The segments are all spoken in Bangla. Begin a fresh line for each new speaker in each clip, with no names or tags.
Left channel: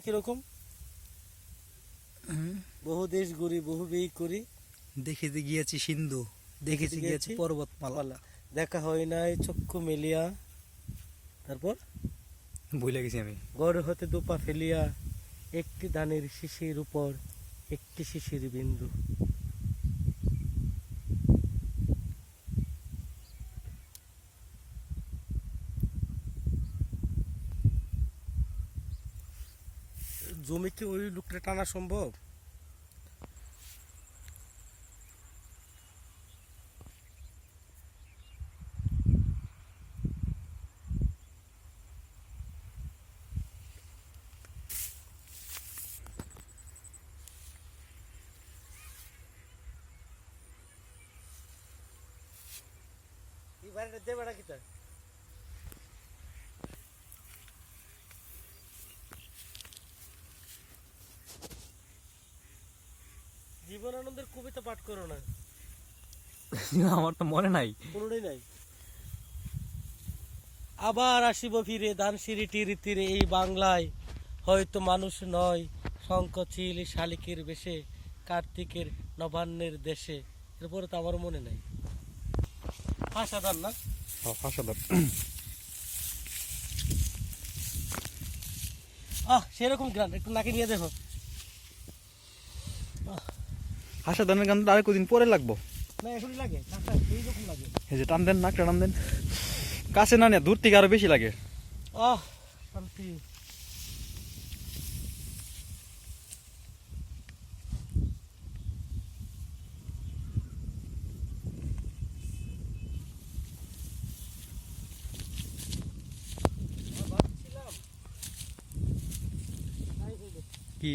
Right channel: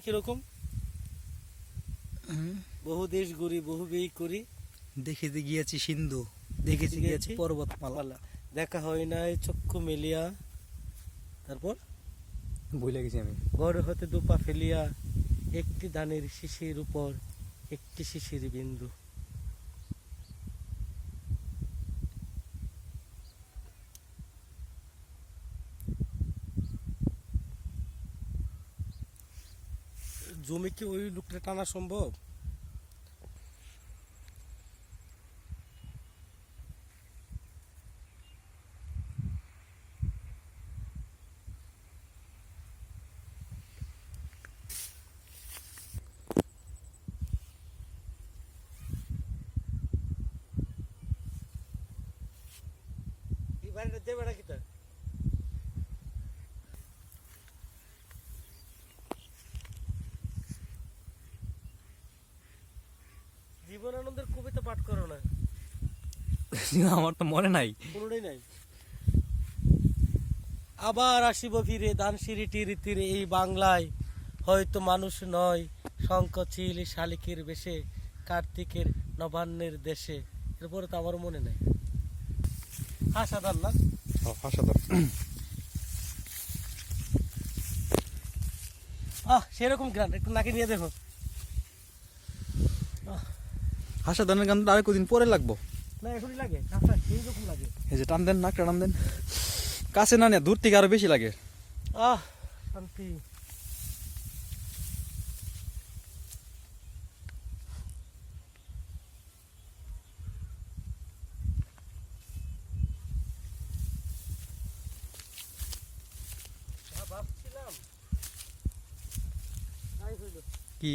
কীরকম? বহু দেশ ঘুরি বহু বিয়ে করি।
দেখিতে গিয়েছি সিন্ধু দেখেছি গিয়েছি
পর্বত
পর্বতমালা।
দেখা হয় নাই চক্ষু মেলিয়া। তারপর?
ভুলে গেছি আমি।
বড় হতে দুপা ফেলিয়া একটি দানের শিশির উপর একটি শিশির বিন্দু। জমিকে ওই লোকটা টানা সম্ভব? দেবে না কিটা জীবনানন্দের কবিতা পাঠ করো না।
আমার তো মনে নাই।
কোনোটাই নাই। আবার আসিব ফিরে দানসিঁড়িটির তীরে এই বাংলায়। হয়তো মানুষ নয় শঙ্কচিল শালিকের বেশে কার্তিকের নবান্নের দেশে। এরপরে তো আমার মনে নাই। হাসাদার না?
হাসাদার।
আহ সেরকম গান একটু নাকি নিয়ে দেখো।
হাসাদানের গানটা আর কদিন পরে লাগবো।
না
এই যে টান দেন নাকটা টান দেন। কাছে না নিয়ে দূর থেকে আরও বেশি লাগে।
আহ শান্তি।
কি?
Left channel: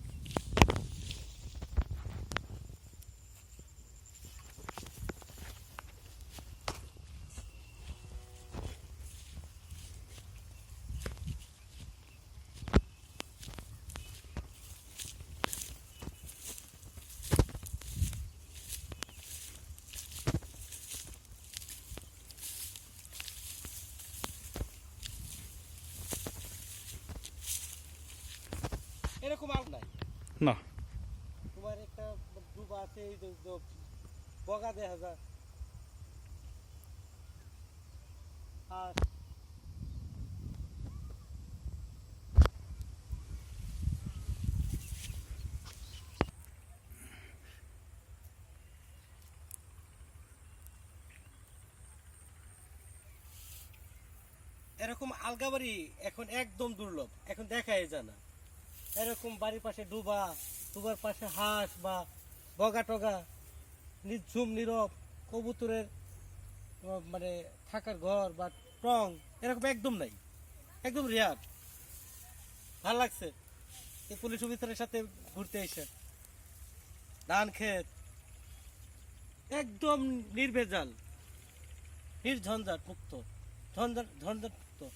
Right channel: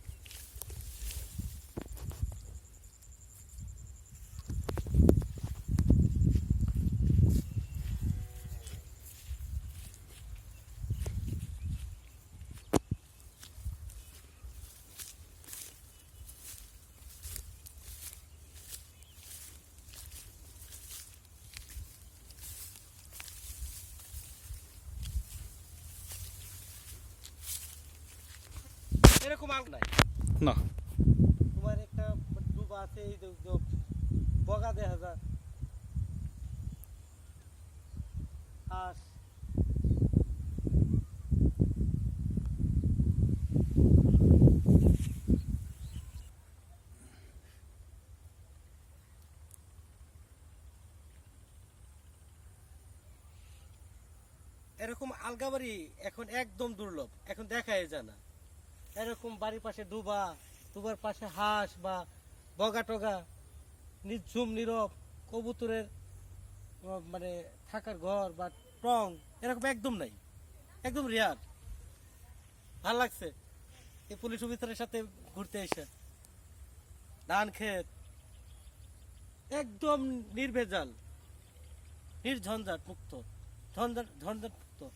এরকম আর নাই।
না।
তোমার একটা ডুবা আছে এই বগা দেখা যায়। আর এরকম আলগা বাড়ি এখন একদম দুর্লভ এখন দেখাই যায় না। এরকম বাড়ির পাশে ডুবা, ডুবার পাশে হাঁস বা বগা টগা নিঝুম নীরব কবুতরের মানে থাকার ঘর বা টং, এরকম একদম নাই। একদম রেয়ার। ভালো লাগছে। এই পুলিশ অফিসারের সাথে ঘুরতে এসে। ধান ক্ষেত। একদম নির্ভেজাল। নির্ঝঞ্ঝাট মুক্ত। ঝঞ্ঝাট ঝঞ্ঝাট মুক্ত।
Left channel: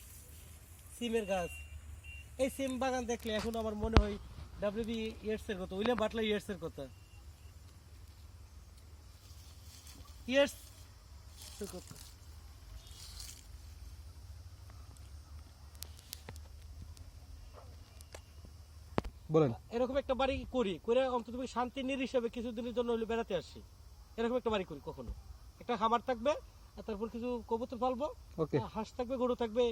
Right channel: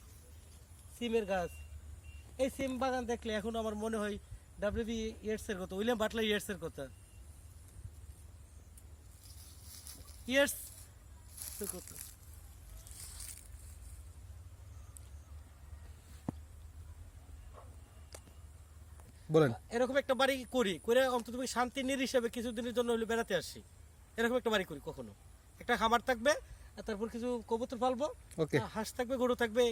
সিমের গাছ। এই সিম বাগান দেখলে এখন আমার মনে হয় ডাব্লিউবি ইয়ার্স এর কথা উইলিয়াম বাটলার ইয়ার্স এর কথা। ইয়ার্স কথা।
বলেন।
এরকম একটা বাড়ি করি করে অন্তত তুমি শান্তি নির হিসেবে কিছুদিনের জন্য হলে বেড়াতে আসি। এরকম একটা বাড়ি করি কখনো। একটা খামার থাকবে তারপর কিছু কবুতর পালবো হাঁস থাকবে গরু থাকবে